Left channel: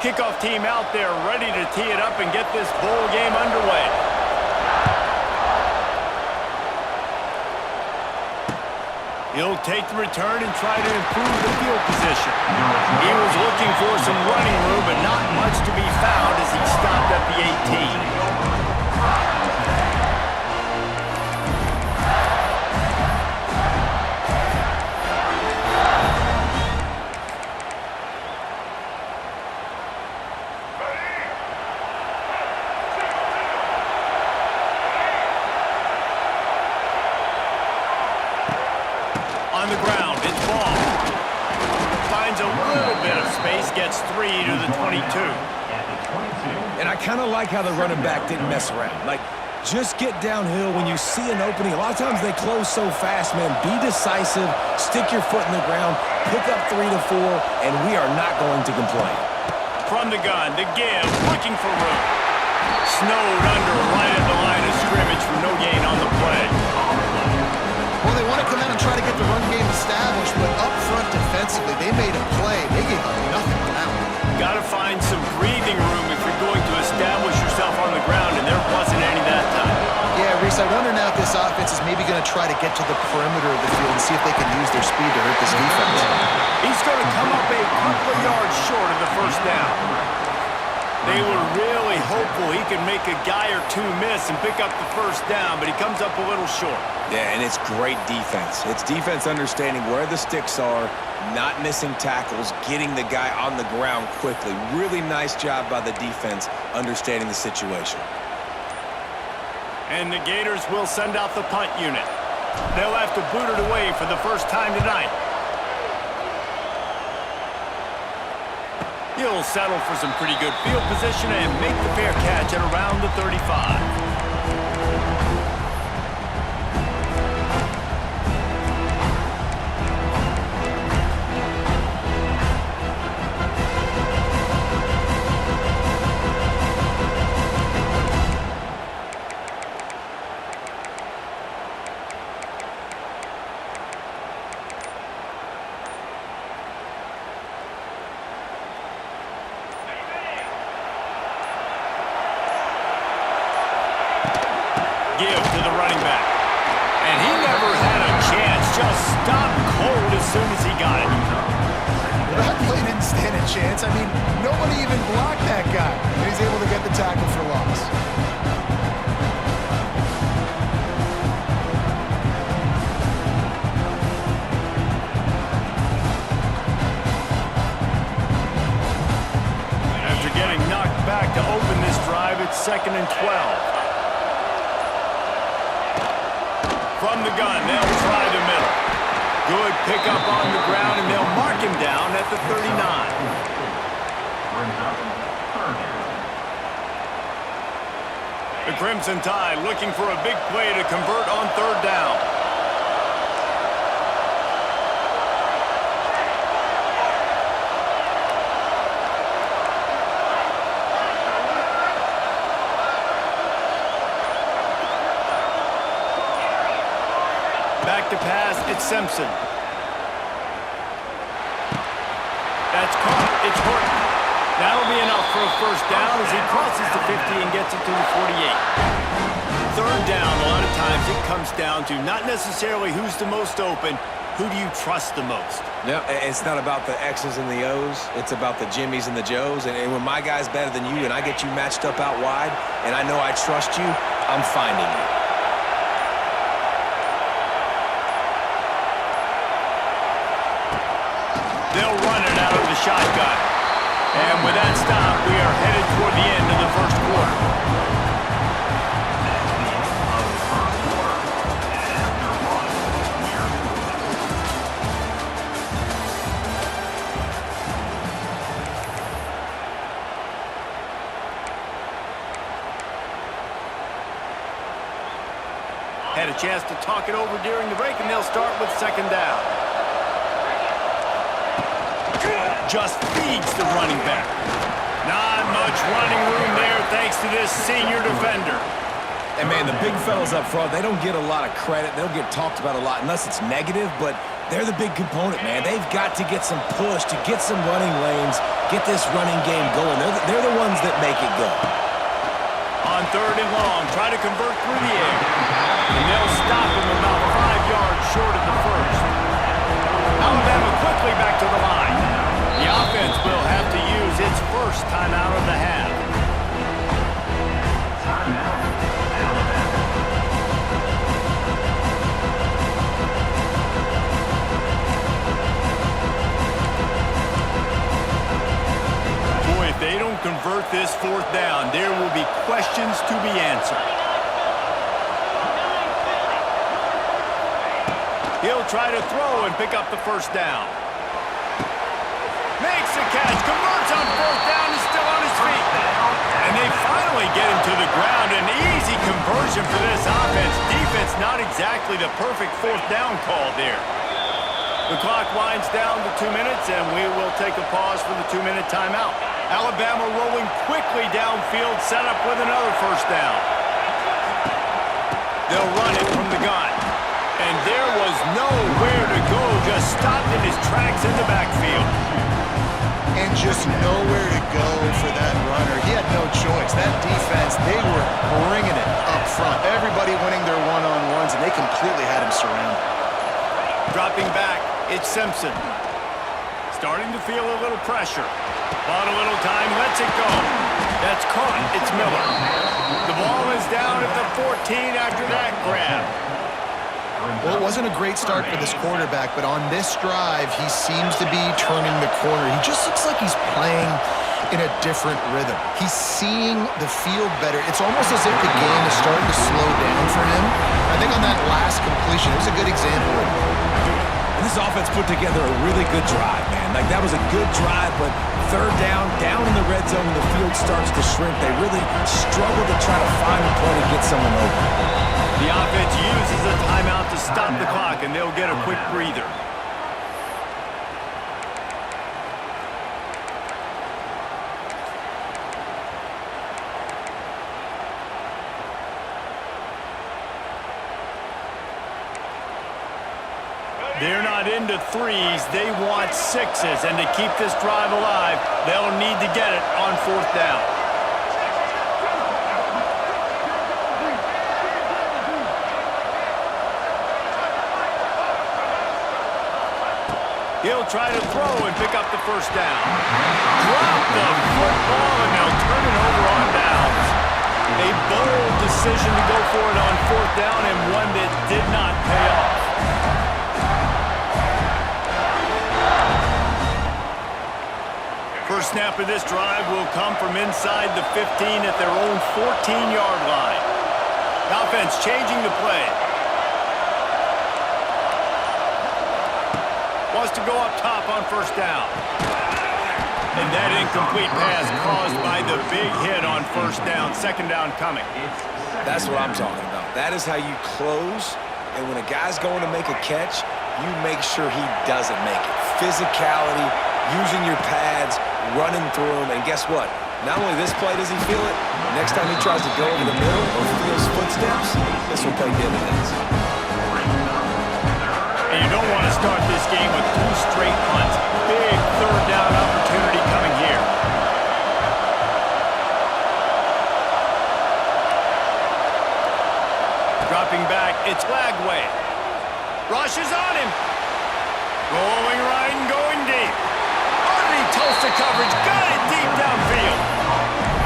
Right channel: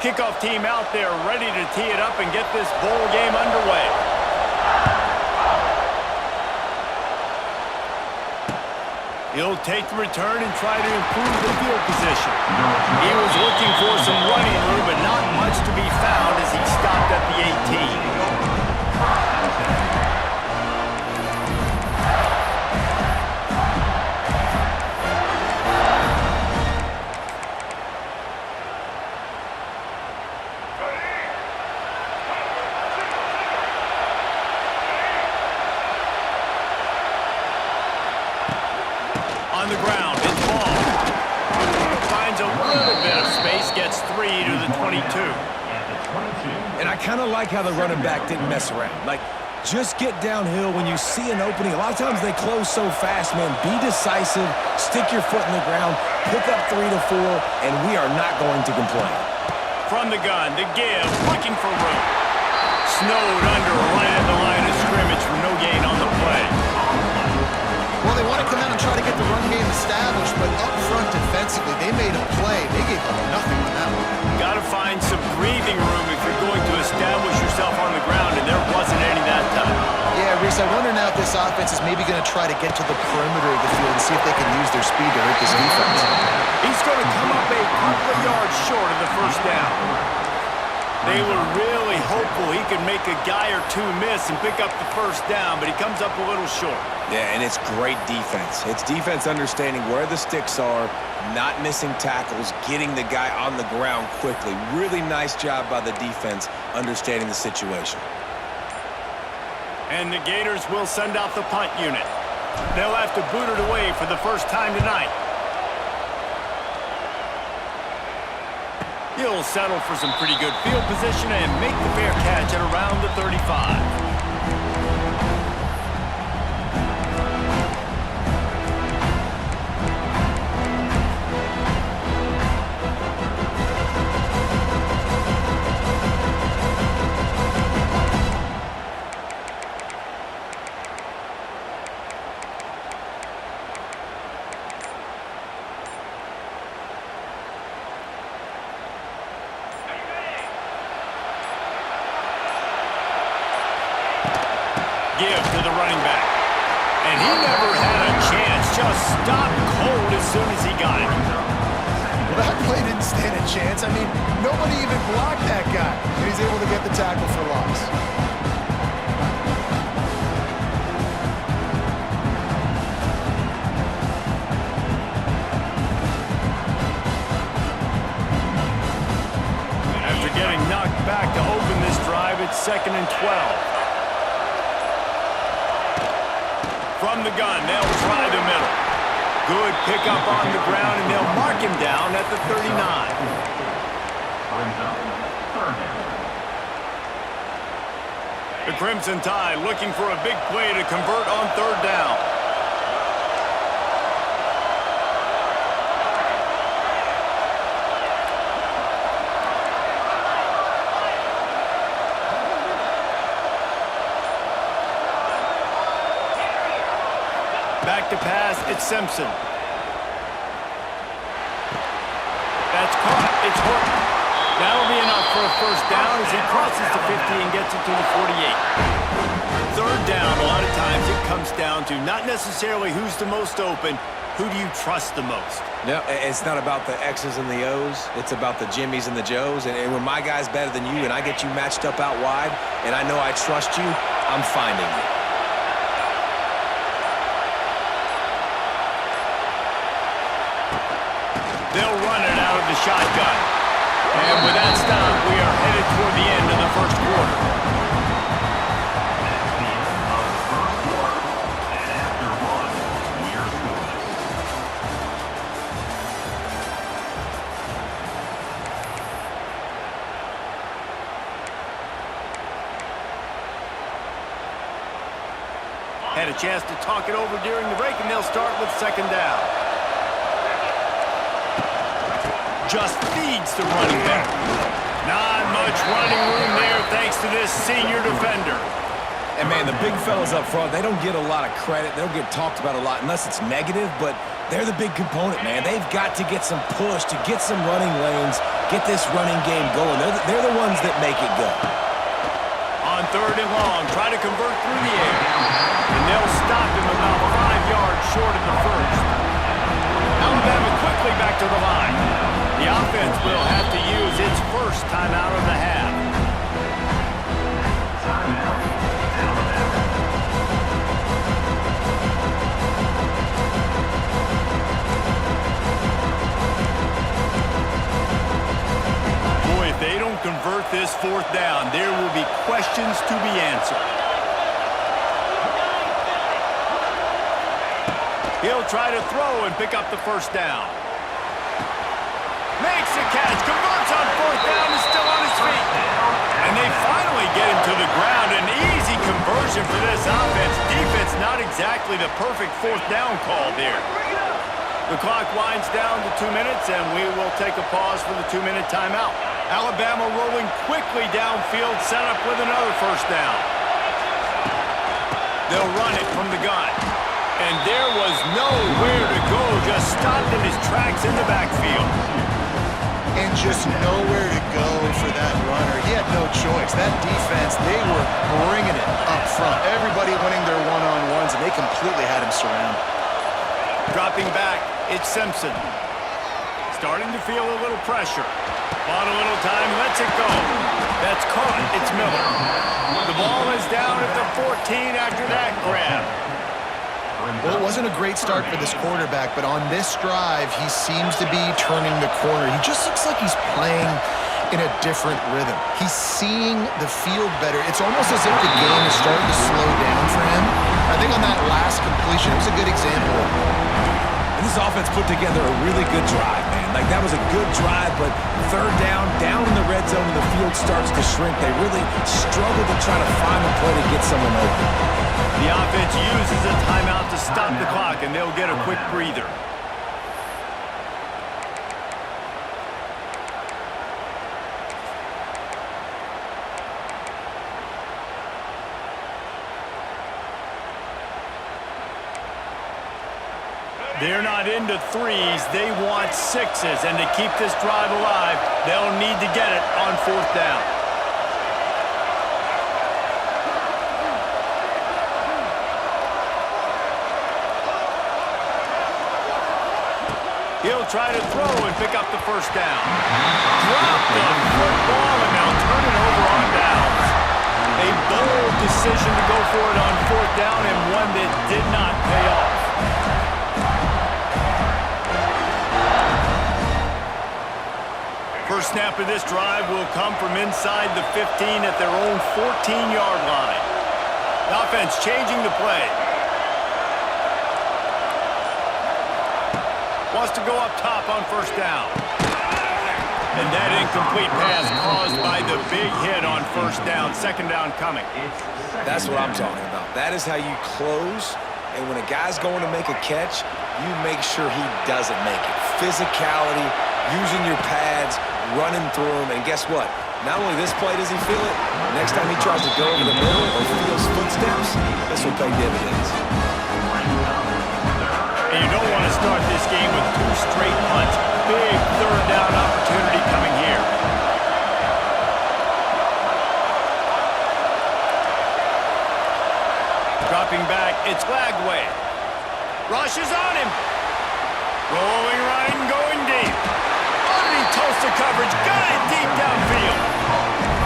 Kickoff team out there ready to tee it up and get this bowl game underway. He'll take the return and try to improve the field position. He was looking for some running room, but not much to be found as he stopped at the 18. On the ground, it's ball. Finds a little bit of space, gets 3 to the 22. And I kind of like how the running back didn't mess around. Like, just get downhill when you see an opening. A lot of times they close so fast, man. Be decisive, stick your foot in the ground, pick up 3 to 4, and we are not going to complain. From the gun, the give, looking for room. Snowed under right at the line of scrimmage for no gain on the play. Well, they want to come out and try to get the run game established, but up front defensively, they made a play. They gave up nothing on that one. Got to find some breathing room if you're going to establish yourself on the ground, and there wasn't any that time. Yeah, Reese, I wonder now if this offense is maybe going to try to get to the perimeter of the field and see if they can use their speed to hurt this defense. He's going to come up a couple of yards short of the first down. They were really hopeful he could make a guy or two miss and pick up the first down, but he comes up a little short. Yeah, and it's great defense. It's defense understanding where the sticks are, not missing tackles, getting the guy on the ground quickly. Really nice job by the defense understanding the situation. And the Gators will send out the punt unit. They'll have to boot it away for the first time tonight. He'll settle for some pretty good field position and make the fair catch at around the 35. Give to the running back. And he never had a chance. Just stopped cold as soon as he got it. Well, that play didn't stand a chance. I mean, nobody even blocked that guy. And he's able to get the tackle for loss. After getting knocked back to open this drive, it's 2nd and 12. From the gun, they'll try the middle. Good pickup on the ground, and they'll mark him down at the 39. The Crimson Tide looking for a big play to convert on 3rd down. Back to pass, it's Simpson. That's caught, it's Horton. That'll be enough for a first down as he crosses the 50 and gets it to the 48. 3rd down, a lot of times it comes down to not necessarily who's the most open, who do you trust the most? No, it's not about the X's and the O's. It's about the Jimmies and the Joes. And when my guy's better than you and I get you matched up out wide and I know I trust you, I'm finding you. They'll run it out of the shotgun. And with that stop, we are headed toward the end of the first quarter. That's the end of the first quarter. And after 1, we're scoreless. Had a chance to talk it over during the break, and they'll start with 2nd down. Just feeds the running back. Not much running room there thanks to this senior defender. And, man, the big fellas up front, they don't get a lot of credit. They don't get talked about a lot unless it's negative, but they're the big component, man. They've got to get some push, to get some running lanes, get this running game going. They're the ones that make it go. On 3rd and long, try to convert through the air. And they'll stop him about 5 yards short of the first. Alabama quickly back to the line. The offense will have to use its first timeout of the half. Timeout, Alabama. Boy, if they don't convert this 4th down, there will be questions to be answered. He'll try to throw and pick up the 1st down. Makes the catch, converts on 4th down, is still on his feet. And they finally get him to the ground. An easy conversion for this offense. Defense not exactly the perfect 4th down call there. The clock winds down to 2 minutes, and we will take a pause for the 2-minute timeout. Alabama rolling quickly downfield, set up with another 1st down. They'll run it from the gun. And there was nowhere to go, just stopped in his tracks in the backfield. And just nowhere to go for that runner. He had no choice. That defense, they were bringing it up front. Everybody winning their one-on-ones, and they completely had him surrounded. Dropping back, it's Simpson. Starting to feel a little pressure. Bought a little time, lets it go. That's caught, it's Miller. The ball is down at the 14 after that grab. Well, it wasn't a great start for this quarterback, but on this drive, he seems to be turning the corner. He just looks like he's playing in a different rhythm. He's seeing the field better. It's almost as if the game is starting to slow down for him. I think on that last completion, it was a good example of it. And this offense put together a really good drive, man. Like, that was a good drive, but 3rd down in the red zone when the field starts to shrink, they really struggle to try to find a play to get someone open. The offense uses a timeout to stop the clock, and they'll get a quick breather. They're not into 3s, they want 6s, and to keep this drive alive, they'll need to get it on 4th down. He'll try to throw and pick up the 1st down. Drop the football, and they'll turn it over on downs. A bold decision to go for it on 4th down, and one that did not pay off. First snap of this drive will come from inside the 15 at their own 14-yard line. The offense changing the play. Wants to go up top on 1st down. And that incomplete pass caused by the big hit on 1st down. 2nd down coming. That's what I'm talking about. That is how you close, and when a guy's going to make a catch, you make sure he doesn't make it. Physicality, using your pads, running through them, and guess what? Not only this play does he feel it, next time he tries to go over the middle or feels footsteps, this will pay dividends. And you don't want to start this game with 2 straight punts. Big 3rd down opportunity coming here. Dropping back, it's Lagway. Rush is on him. Rolling right and going deep. Underneath Tulsa coverage, got it deep downfield.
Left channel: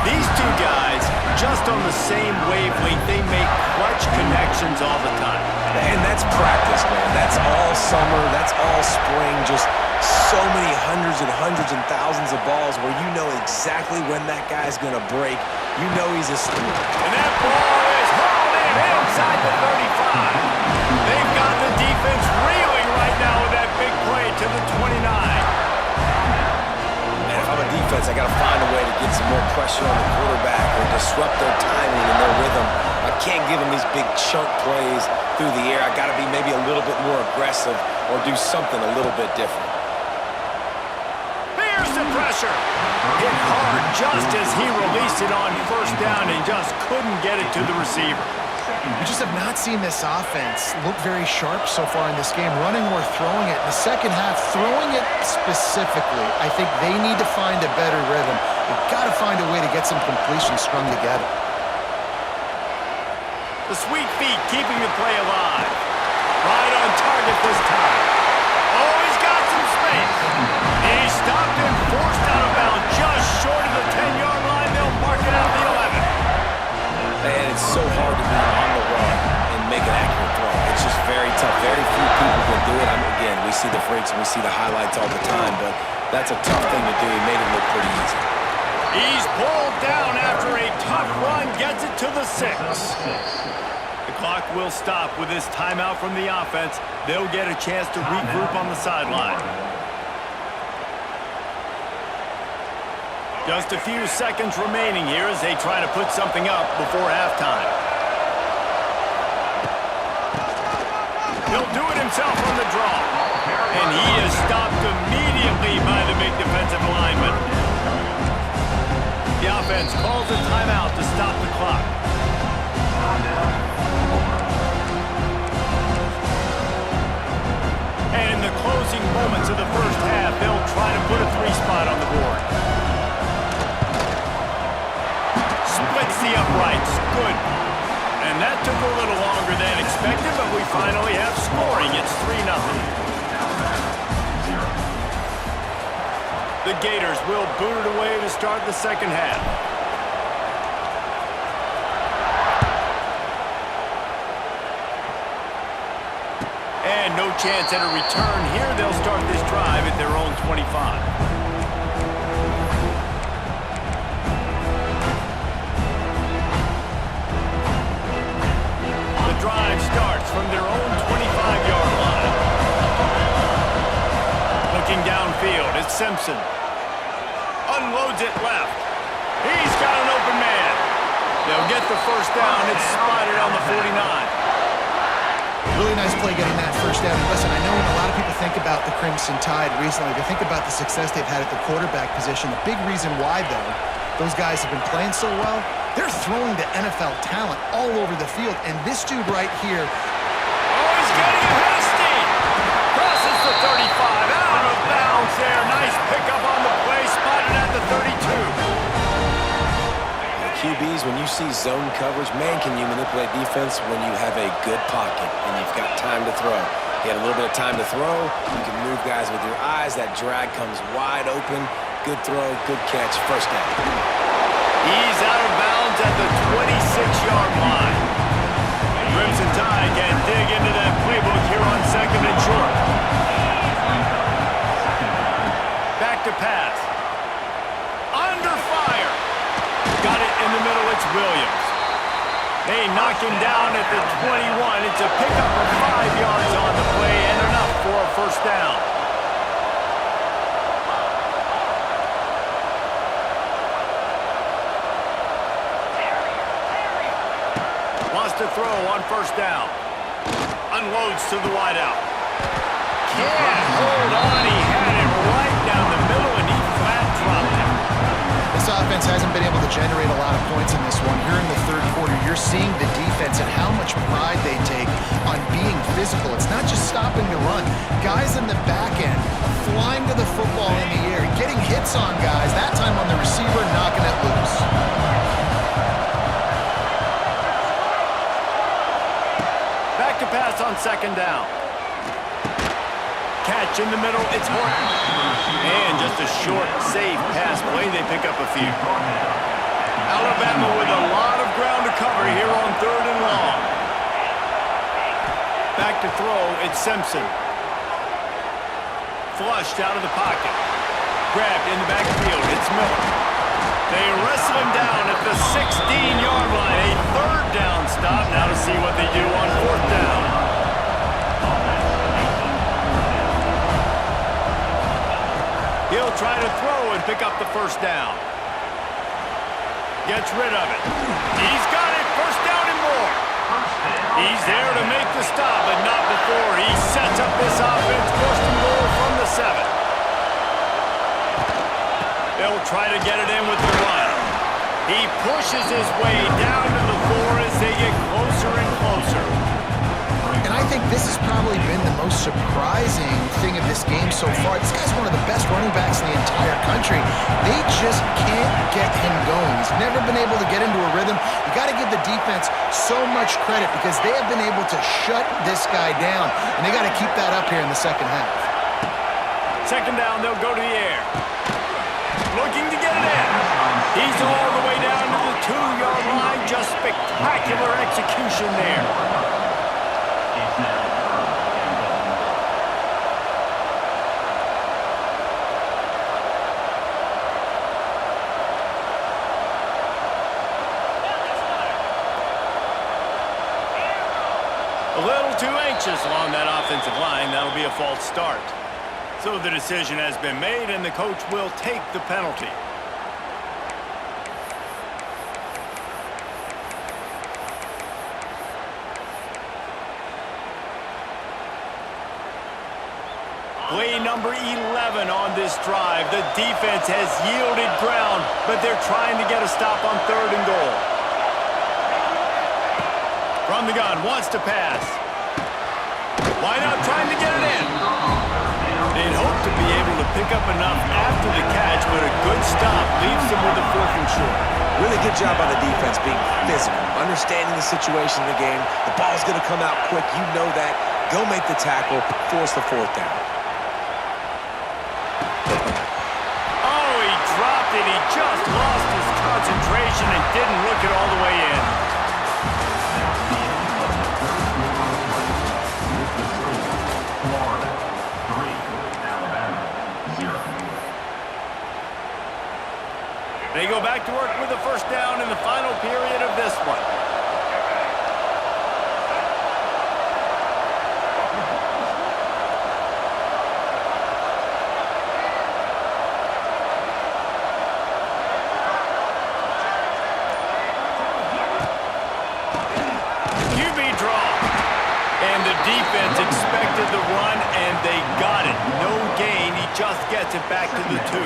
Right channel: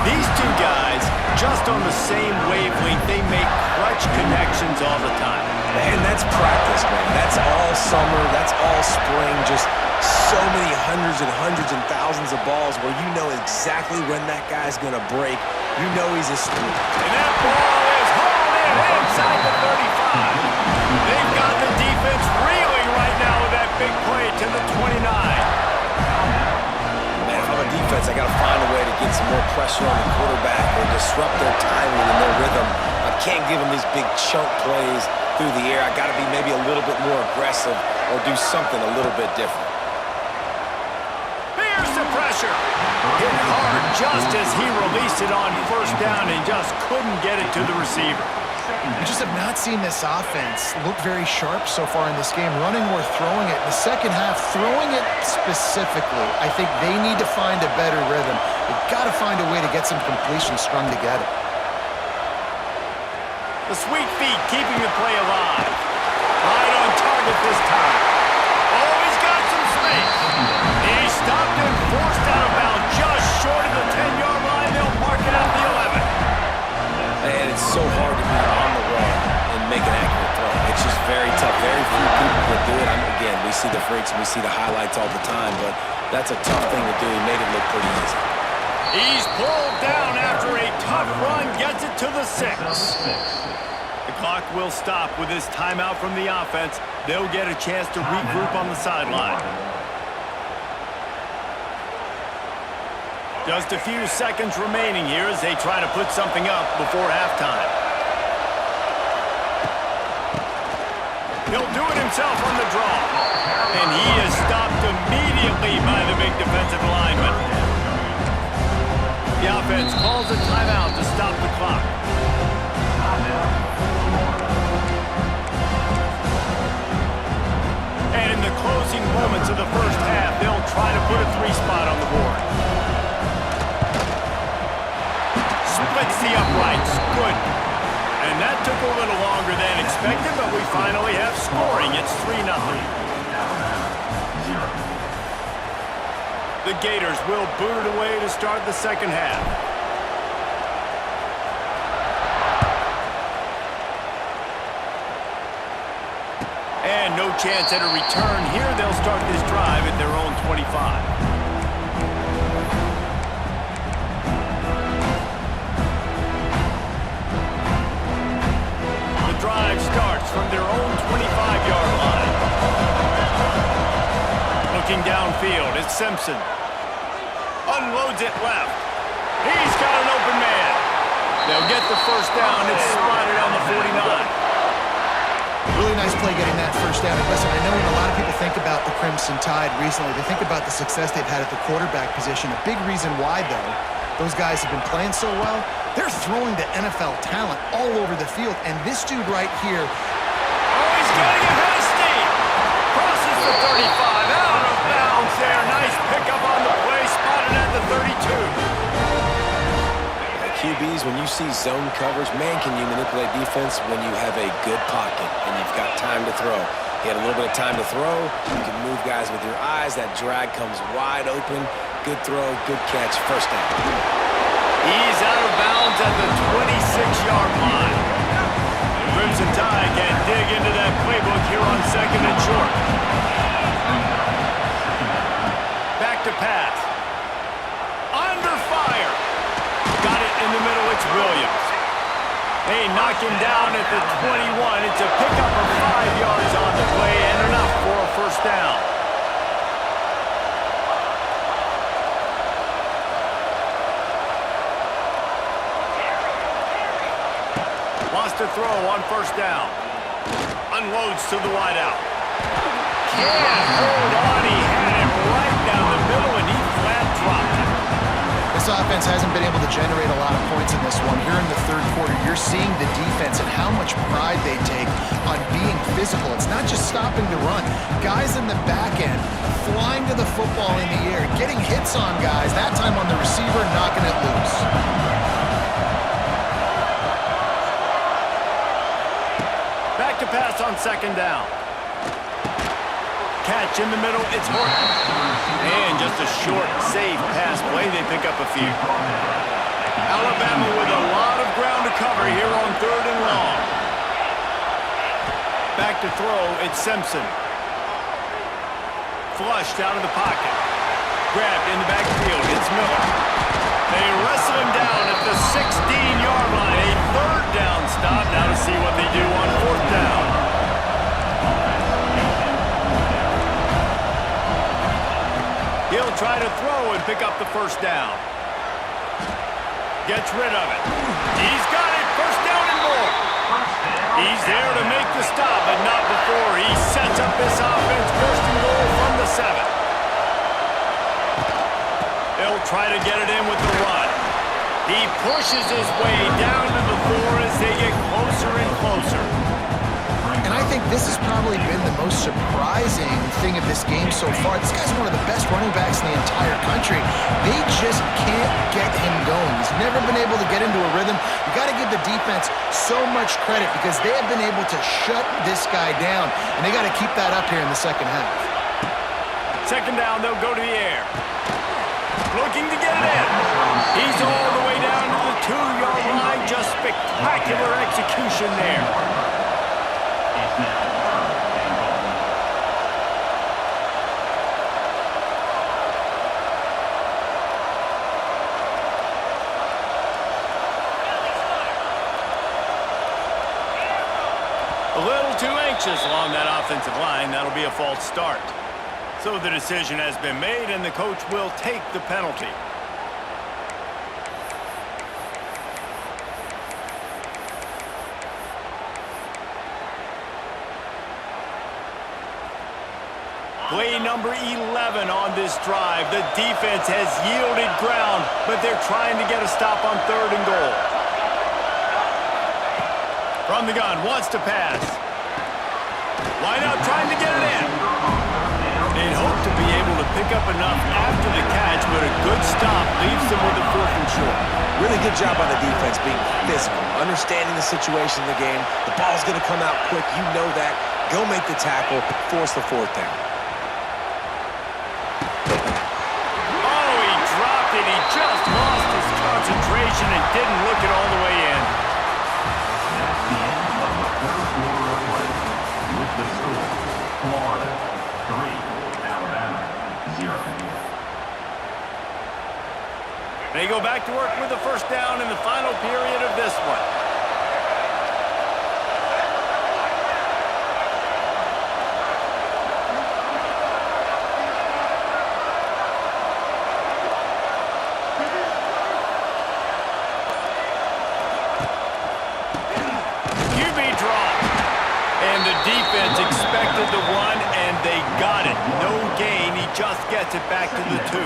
These two guys, just on the same wavelength, they make clutch connections all the time. And that's practice, man. That's all summer. That's all spring. Just so many hundreds and thousands of balls where you know exactly when that guy's going to break. You know he's a student. And that ball is hauled in inside the 35. They've got the defense reeling right now with that big play to the 29. Man, if I'm a defense, I got to find a way to get some more pressure on the quarterback or disrupt their timing and their rhythm. I can't give them these big chunk plays through the air. I got to be maybe a little bit more aggressive or do something a little bit different. Here's the pressure. Hit hard just as he released it on 1st down and just couldn't get it to the receiver. We just have not seen this offense look very sharp so far in this game, running or throwing it. In the second half, throwing it specifically, I think they need to find a better rhythm. They've got to find a way to get some completions strung together. The sweet feet keeping the play alive. Right on target this time. Oh, he's got some space. He stopped and forced out of bounds just short of the 10-yard line. They'll mark it out the 11. And it's so hard to be on the run and make an accurate throw. It's just very tough. Very few people can do it. Again, we see the freaks and we see the highlights all the time, but that's a tough thing to do. He made it look pretty easy. He's pulled down after a tough run, gets it to the 6. The clock will stop with this timeout from the offense. They'll get a chance to regroup on the sideline. Just a few seconds remaining here as they try to put something up before halftime. He'll do it himself on the draw. And he is stopped immediately by the big defensive lineman. The offense calls a timeout to stop the clock. And in the closing moments of the first half, they'll try to put a 3-spot on the board. Splits the uprights. Good. And that took a little longer than expected, but we finally have scoring. It's 3-0. The Gators will boot it away to start the second half. And no chance at a return here. They'll start this drive at their own 25. The drive starts from their own 25-yard line. Looking downfield, it's Simpson. Unloads it left. He's got an open man. They'll get the first down. It's spotted on the 49. Really nice play getting that first down. And listen, I know when a lot of people think about the Crimson Tide recently, they think about the success they've had at the quarterback position. A big reason why, though, those guys have been playing so well, they're throwing to NFL talent all over the field. And this dude right here. Oh, he's getting ahead of steam. Crosses the 35. Out of bounds there. Nice pickup on the play. Spotted at the 32. QBs, when you see zone coverage, man, can you manipulate defense when you have a good pocket and you've got time to throw. He had a little bit of time to throw. You can move guys with your eyes. That drag comes wide open. Good throw, good catch, first down. He's out of bounds at the 26-yard line. Crimson Tide can dig into that playbook here on second and short. Back to pass. Under fire. Got it in the middle, it's Williams. They knock him down at the 21. It's a pickup of 5 yards on the play and enough for a first down. Wants to throw on first down. Unloads to the wideout. Can't hold on. He had it right down the middle and he flat dropped it. This offense hasn't been able to generate a lot of points in this one. Here in the third quarter, you're seeing the defense and how much pride they take on being physical. It's not just stopping the run. Guys in the back end flying to the football in the air, getting hits on guys, that time on the receiver, knocking it loose. Back to pass on second down. Catch in the middle, it's Horton. And just a short, safe pass play, they pick up a few. Alabama with a lot of ground to cover here on third and long. Back to throw, it's Simpson. Flushed out of the pocket. Grabbed in the backfield, it's Miller. They wrestle him down at the 16-yard line. A third down stop. Now to see what they do on fourth down. He'll try to throw and pick up the first down. Gets rid of it. He's got it. First down and more. He's there to make the stop, but not before. He sets up this offense. First and goal from the 7. They'll try to get it in with the run. He pushes his way down to the 4 as they get closer and closer. And I think this has probably been the most surprising thing of this game so far. This guy's one of the best running backs in the entire country. They just can't get him going. He's never been able to get into a rhythm. You got to give the defense so much credit because they have been able to shut this guy down, and they got to keep that up here in the second half. Second down, they'll go to the air. Looking to get it in. He's all the way down to the 2-yard line. Just spectacular execution there. It's now 3rd and goal. A little too anxious along that offensive line. That'll be a false start. So the decision has been made, and the coach will take the penalty. Play number 11 on this drive. The defense has yielded ground, but they're trying to get a stop on 3rd and goal. From the gun, wants to pass. Line up, trying to get it in. They'd hope to be able to pick up enough after the catch, but a good stop leaves them with a 4th and short. Really good job by the defense being physical, understanding the situation in the game. The ball's going to come out quick. You know that. Go make the tackle, force the 4th down. Oh, he dropped it. He just lost his concentration and didn't look it all the way in. That's the end of the 3rd quarter of play. With the score, Florida 3, Alabama 0. They go back to work with the first down in the final period of this one. QB draw. And the defense expected the run, and they got it. No gain. He just gets it back to the 2.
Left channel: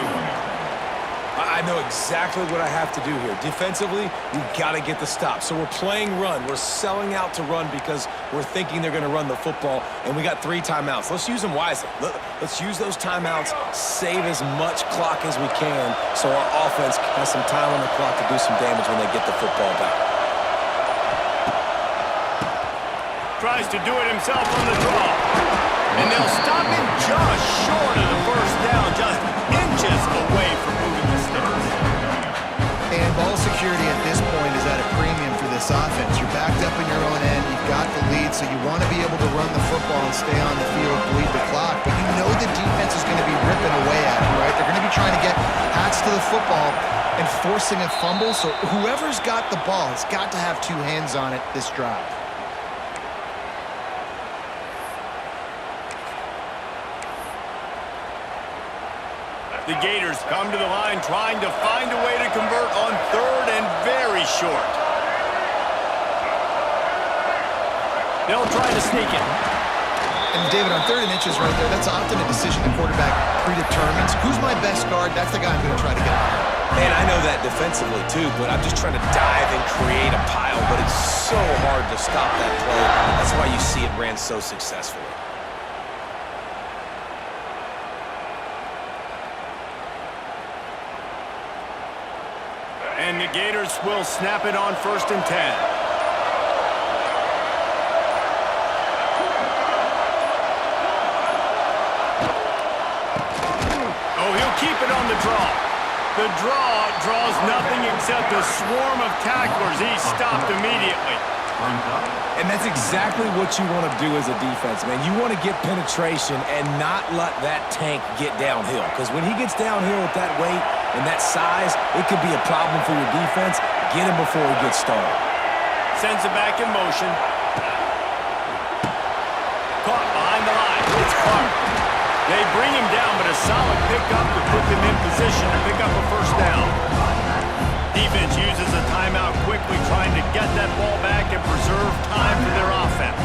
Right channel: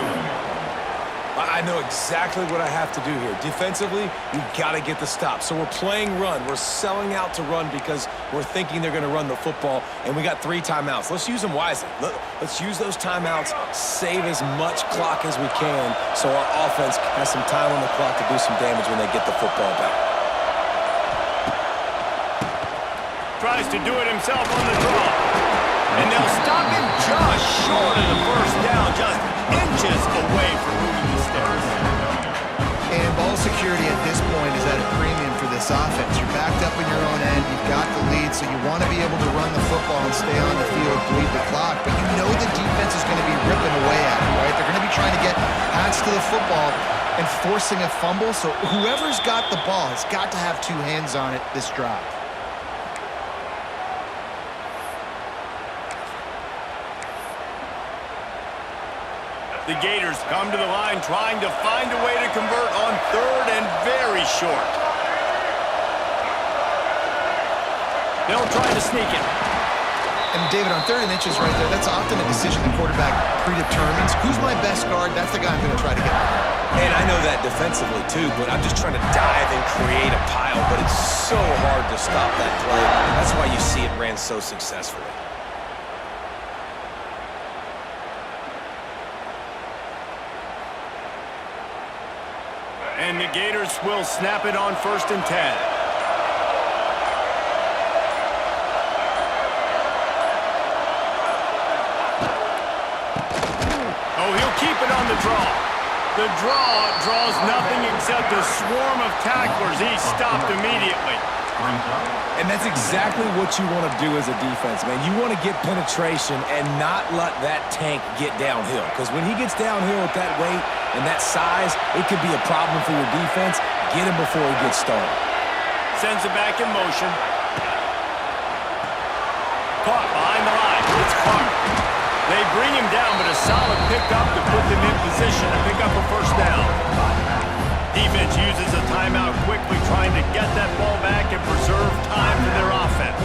I know exactly what I have to do here. Defensively, we've got to get the stop. So we're playing run. We're selling out to run because we're thinking they're going to run the football, and we got 3 timeouts. Let's use them wisely. Let's use those timeouts, save as much clock as we can so our offense has some time on the clock to do some damage when they get the football back. Tries to do it himself on the draw. And they'll stop him just short of the first down, just inches away from moving the sticks. And ball security at this point is at a premium for this offense. You're backed up in your own end. You've got the lead, so you want to be able to run the football and stay on the field, bleed the clock. But you know the defense is going to be ripping away at it, right? They're going to be trying to get hats to the football and forcing a fumble. So whoever's got the ball has got to have 2 hands on it this drive. The Gators come to the line trying to find a way to convert on 3rd and very short. They'll try to sneak it. And David, on 3rd and inches right there, that's often a decision the quarterback predetermines. Who's my best guard? That's the guy I'm going to try to get behind. And I know that defensively too, but I'm just trying to dive and create a pile, but it's so hard to stop that play. That's why you see it ran so successfully. And the Gators will snap it on 1st and 10. Oh, he'll keep it on the draw. The draw draws nothing except a swarm of tacklers. He's stopped immediately. And that's exactly what you want to do as a defense, man. You want to get penetration and not let that tank get downhill. Because when he gets downhill with that weight and that size, it could be a problem for your defense. Get him before he gets started. Sends it back in motion. Caught behind the line. It's Clark. They bring him down, but a solid pickup to put them in position to pick up a first down. Defense uses a timeout quickly, trying to get that ball back and preserve time for their offense.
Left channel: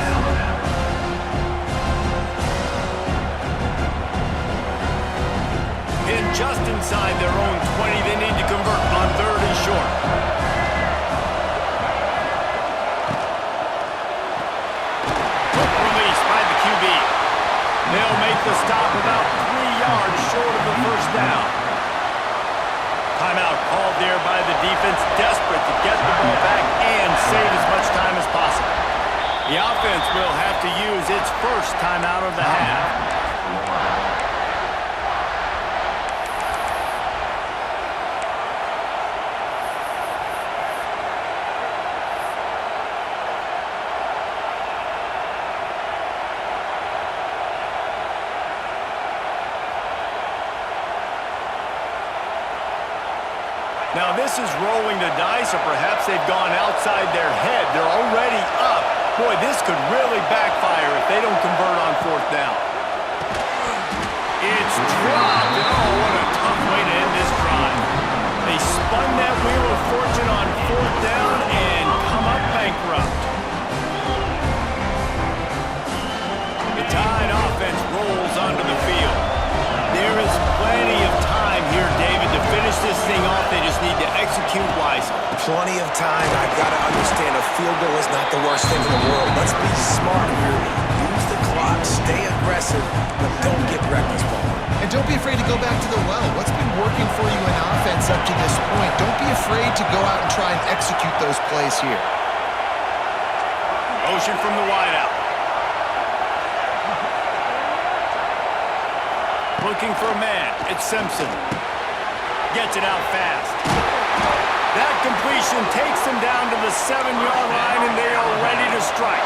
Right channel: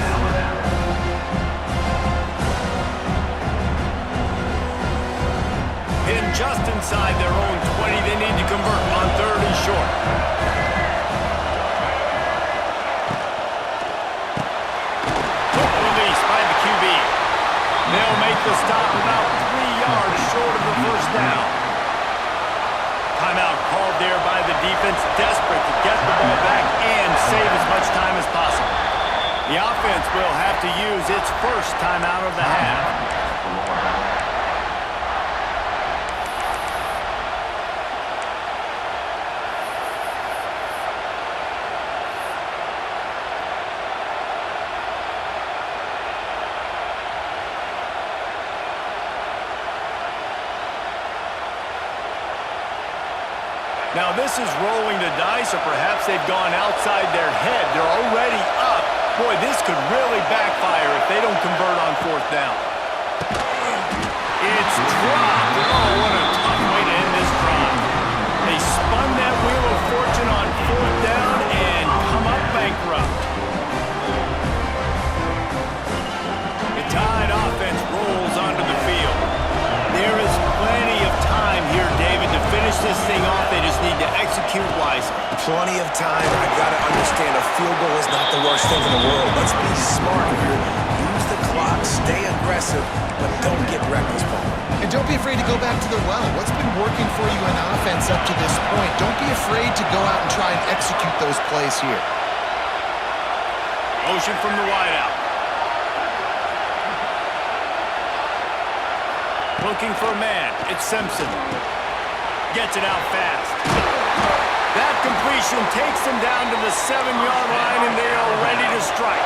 Pinned just inside their own 20, they need to convert on 3rd and short. the stop about 3 yards short of the first down. Timeout called there by the defense, desperate to get the ball back and save as much time as possible. The offense will have to use its first timeout of the half. Now this is rolling the dice, or perhaps they've gone outside their head. They're already up. Boy, this could really backfire if they don't convert on fourth down. It's dropped, and oh, what a tough way to end this drive. They spun that wheel of fortune on fourth down and come up bankrupt. The Tide offense rolls onto the field. There is plenty of time here, David, to finish this thing off. They just need to execute wisely. Plenty of time. I got to understand a field goal is not the worst thing in the world. Let's be smart here. Use the clock, stay aggressive, but don't get reckless, Palmer. And don't be afraid to go back to the well. What's been working for you in offense up to this point? Don't be afraid to go out and try and execute those plays here. Motion from the wideout. Looking for a man. It's Simpson. Gets it out fast. That completion takes them down to the 7-yard line, and they are ready to strike.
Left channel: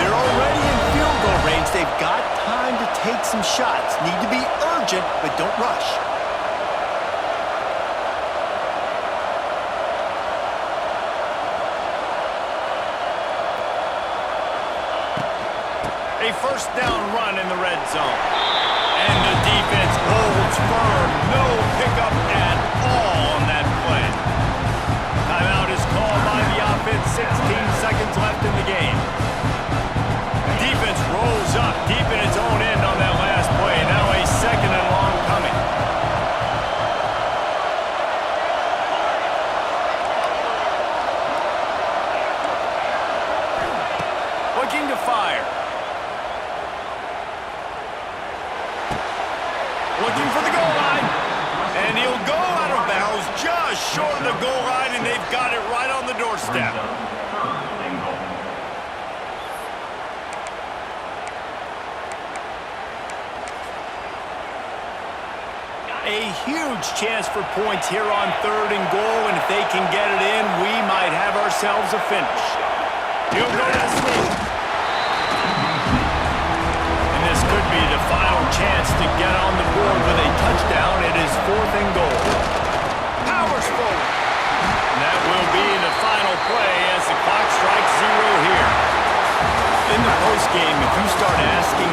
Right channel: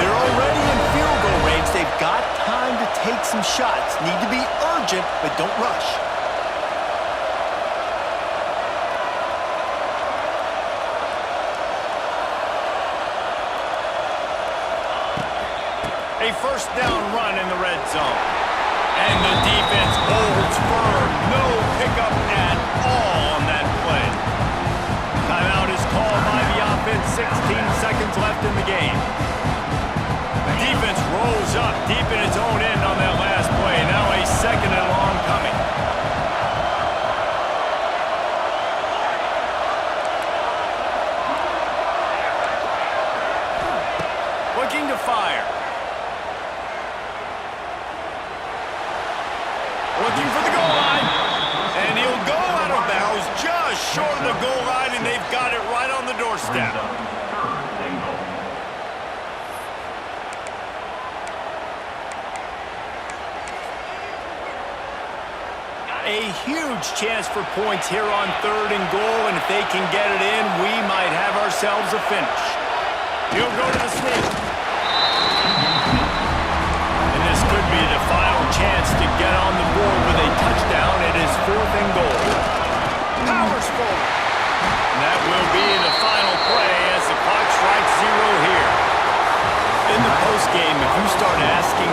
They're already in field goal range. They've got time to take some shots. Need to be urgent, but don't rush. A first down run in the red zone. And the defense holds firm. No pickup at all on that play. Timeout is called by the offense. 16 seconds left in the game. Defense rolls up deep in its own end on that last play. Now a second and long coming. Looking to fire. Looking for the goal line, and he'll go out of bounds just short of the goal line, and they've got it right on the doorstep. A huge chance for points here on 3rd and goal, and if they can get it in, we might have ourselves a finish. He'll go to the sweep. This could be the final chance to get on the board with a touchdown. It is 4th and goal. Powers forward. And that will be the final play as the clock strikes 0 here. In the postgame, if you start asking